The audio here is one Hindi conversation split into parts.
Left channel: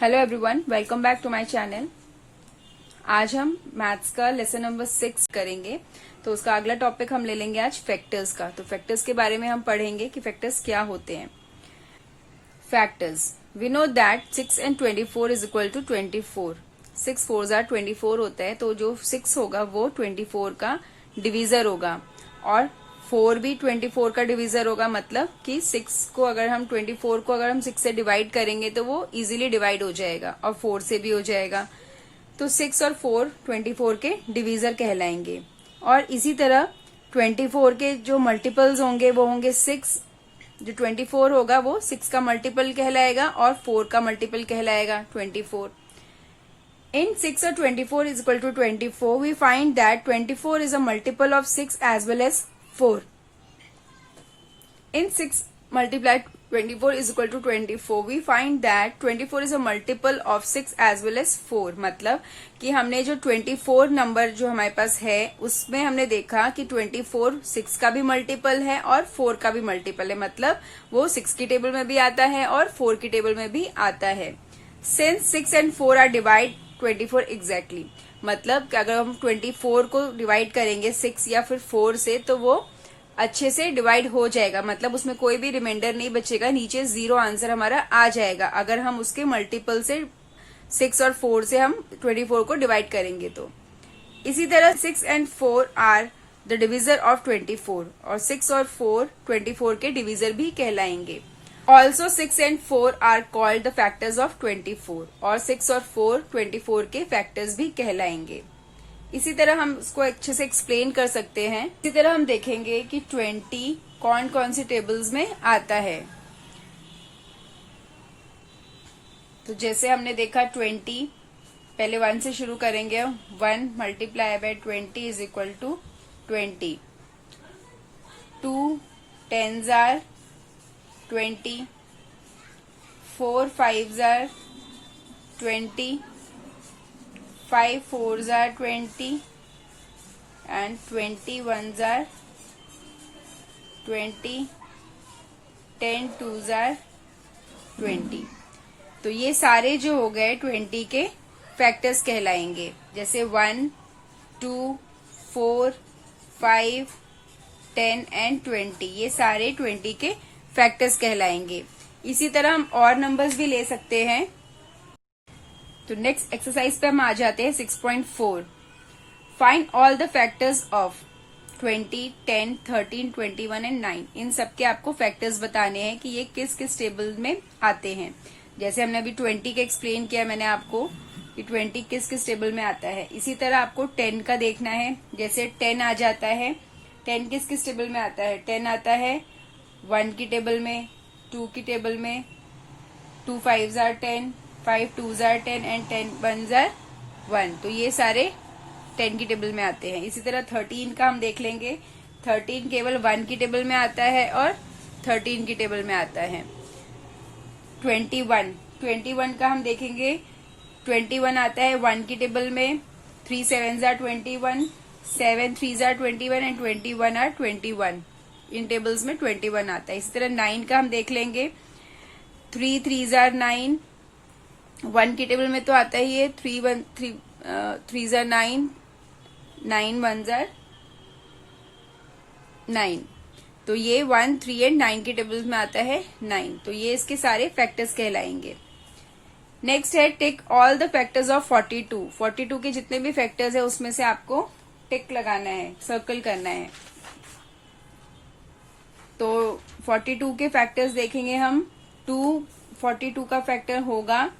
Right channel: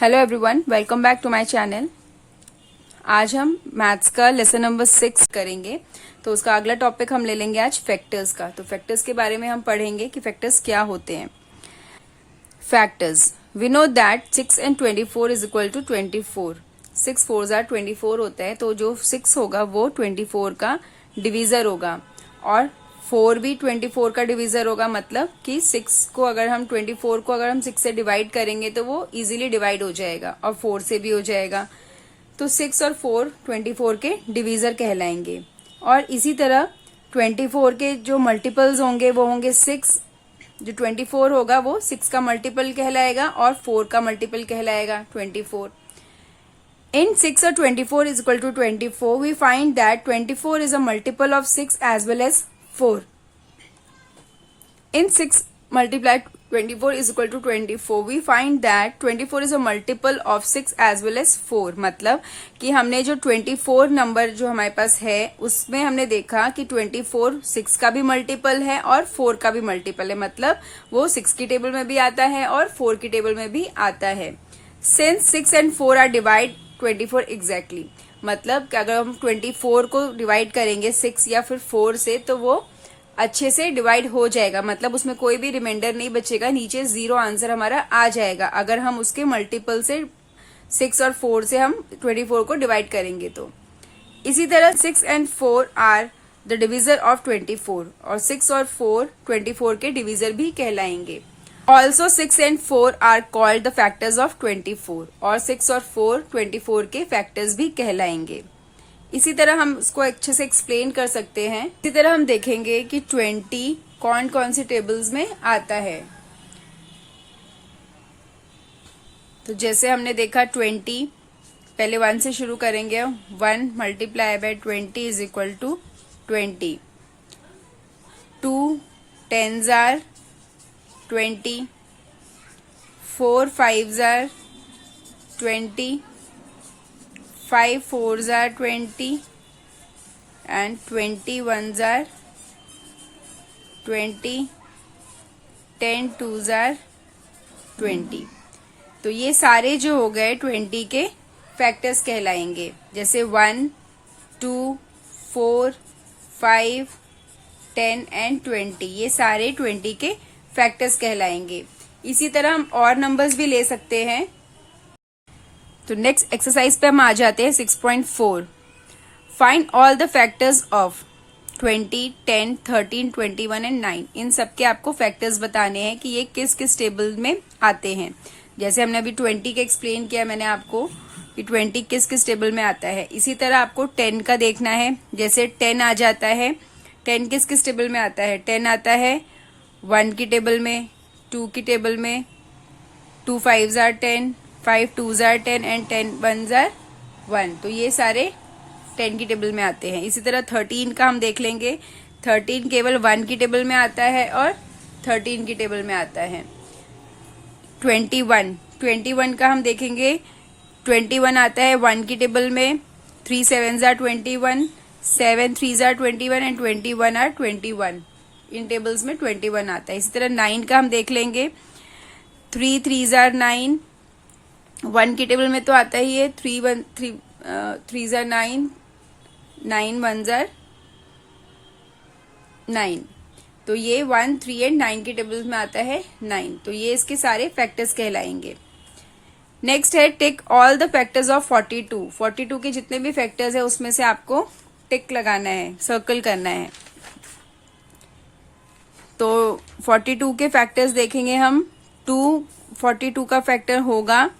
Hello everyone, welcome back to my channel. आज हम मैथ्स का लेसन नंबर 6 करेंगे। तो उसका अगला टॉपिक हम ले लेंगे आज फैक्टर्स का। तो फैक्टर्स के बारे में हम पढ़ेंगे कि फैक्टर्स क्या होते हैं। Factors, we know that 6 and 24 is equal to 24। 6 4s are 24 होता है, तो जो 6 होगा वो 24 का डिवीजर होगा और 4 भी 24 का डिवीजर होगा। मतलब कि 6 को अगर हम 24 को अगर हम 6 से डिवाइड करेंगे तो वो इजीली डिवाइड हो जाएगा और 4 से भी हो जाएगा। तो 6 और 4 24 के डिवीजर कहलाएंगे। और इसी तरह 24 के जो मल्टीपल्स होंगे वो होंगे 6। जो 24 होगा वो 6 का मल्टीपल कहलाएगा और 4 का मल्टीपल कहलाएगा 24। In 6 or 24 is equal to 24, we find that 24 is a multiple of 6 as well as 4. In 6 multiplied 24 is equal to 24, we find that 24 is a multiple of 6 as well as 4. मतलब कि हमने जो 24 नंबर जो हमारे पास है उसमें हमने देखा कि 24 6 का भी मल्टीपल है और 4 का भी मल्टीपल है। मतलब वो 6 की टेबल में भी आता है और 4 की टेबल में भी आता है। Since 6 and 4 are divide 24 exactly, मतलब कि अगर हम 24 को डिवाइड करेंगे 6 या फिर 4 से तो वो अच्छे से डिवाइड हो जाएगा। मतलब उसमें कोई भी रिमाइंडर नहीं बचेगा, नीचे 0 आंसर हमारा आ जाएगा अगर हम उसके मल्टीपल से 6 और 4 से हम 24 को डिवाइड करेंगे तो। इसी तरह 6 and 4 are the divisor of 24 और 6 और 4 24 के डिविजर भी कहलाएंगे। Also 6 and 4 are called the factors of 24 और 6 और 4 24 के फैक्टर्स भी कहलाएंगे। इसी तरह हम इसको अच्छे से एक्सप्लेन कर सकते हैं। इसी तरह हम देखेंगे कि 20 कौन कौन सी टेबल्स में आता है। तो जैसे हमने देखा 20, पहले 1 से शुरू करेंगे। 1 multiply by 20 is equal to 20। 2 10s are 20, 4 5s are 20, 5 4s are 20 and 21s are 20, 10 2s are 20। तो ये सारे जो हो गए 20 के फैक्टर्स कहलाएंगे। जैसे 1 2 4 5 10 एंड 20, ये सारे 20 के फैक्टर्स कहलाएंगे। इसी तरह हम और नंबर्स भी ले सकते हैं। तो नेक्स्ट एक्सरसाइज पे हम आ जाते हैं 6.4। Find all the factors of 20 10 13 21 and 9। इन सबके आपको फैक्टर्स बताने हैं कि ये किस किस टेबल में आते हैं। जैसे हमने अभी 20 का एक्सप्लेन किया मैंने आपको कि 20 किस किस टेबल में आता है। इसी तरह आपको 10 का देखना है। जैसे 10 आ जाता है, 10 किस किस टेबल में आता है। 10 आता है 1 की टेबल में, 2 की टेबल में, 2 5s are 10, 5 2s are 10 and 10 1s are 1। तो ये सारे 10 की टेबल में आते हैं। इसी तरह 13 का हम देख लेंगे। 13 केवल 1 की टेबल में आता है और 13 की टेबल में आता है। 21 का हम देखेंगे। 21 आता है 1 की टेबल में, 3 7s are 21, 7 3s are 21 and 21 are 21। In tables में 21 आता है। इसी तरह 9 का हम देख लेंगे। 3 3s are 9, 1 की टेबल में तो आता ही है। 3 3s are 9, 9 1s are 9। तो ये 1 3 एंड 9 की टेबल में आता है 9। तो ये इसके सारे फैक्टर्स कहलाएंगे। नेक्स्ट है टिक ऑल द फैक्टर्स ऑफ 42। 42 के जितने भी फैक्टर्स है उसमें से आपको टिक लगाना है, सर्कल करना है। तो 42 के फैक्टर्स देखेंगे हम। 2 42 का फैक्टर होगा,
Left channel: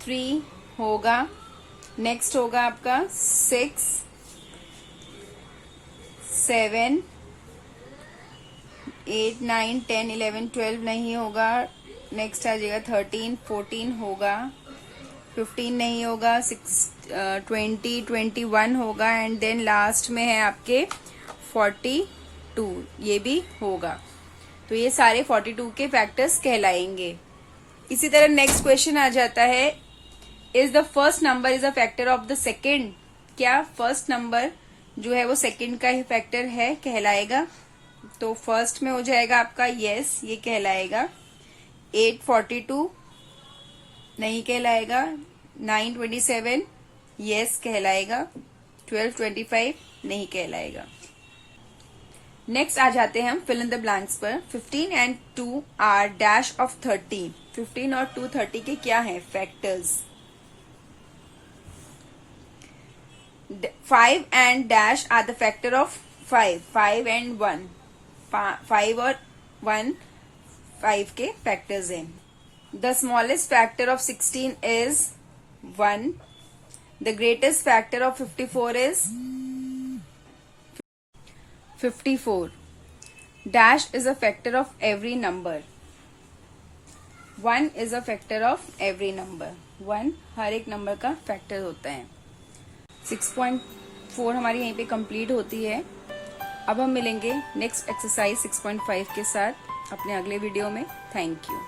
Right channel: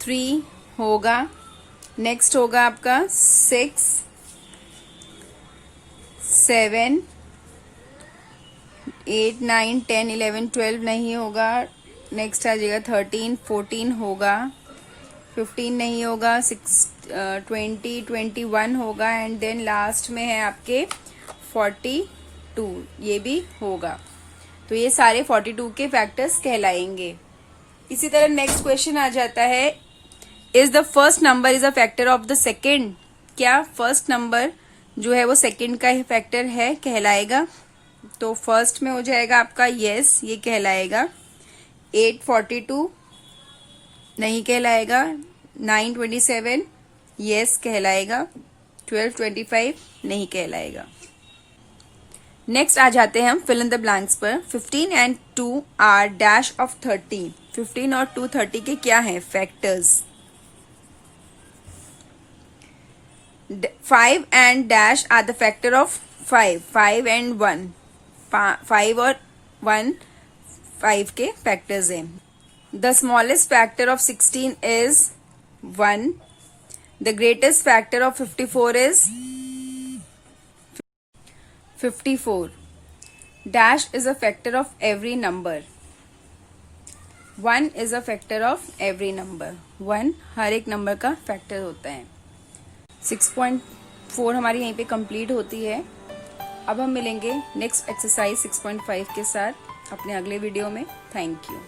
3 होगा, नेक्स्ट होगा आपका 6 7 8 9 10 11 12 नहीं होगा। नेक्स्ट आ जाएगा 13 14 होगा, 15 नहीं होगा, 20 21 होगा एंड देन लास्ट में है आपके 42, ये भी होगा। तो ये सारे 42 के फैक्टर्स कहलाएंगे। इसी तरह नेक्स्ट क्वेश्चन आ जाता है, is the first number is a factor of the second. क्या फर्स्ट नंबर जो है वो सेकेंड का ही फैक्टर है, कहलाएगा। तो फर्स्ट में हो जाएगा आपका यस, ये कहलाएगा। 842 नहीं कहलाएगा। 927 यस कहलाएगा। 1225 नहीं कहलाएगा। नेक्स्ट आ जाते हैं हम फिल इन द ब्लैंक्स पर। 15 and 2 आर डैश ऑफ 30। 15 और 2 30 के क्या है factors? 5 and dash are the factor of 5। 5 and 1, 5 और 1 5 के फैक्टर्स हैं। The smallest factor of 16 is 1। The greatest factor of 54 is 54। Dash is a factor of every number. 1 is a factor of every number. 1 हर एक नंबर का फैक्टर होता है। 6.4 हमारी यहीं पे कंप्लीट होती है। अब हम मिलेंगे नेक्स्ट एक्सरसाइज 6.5 के साथ अपने अगले वीडियो में। Thank you.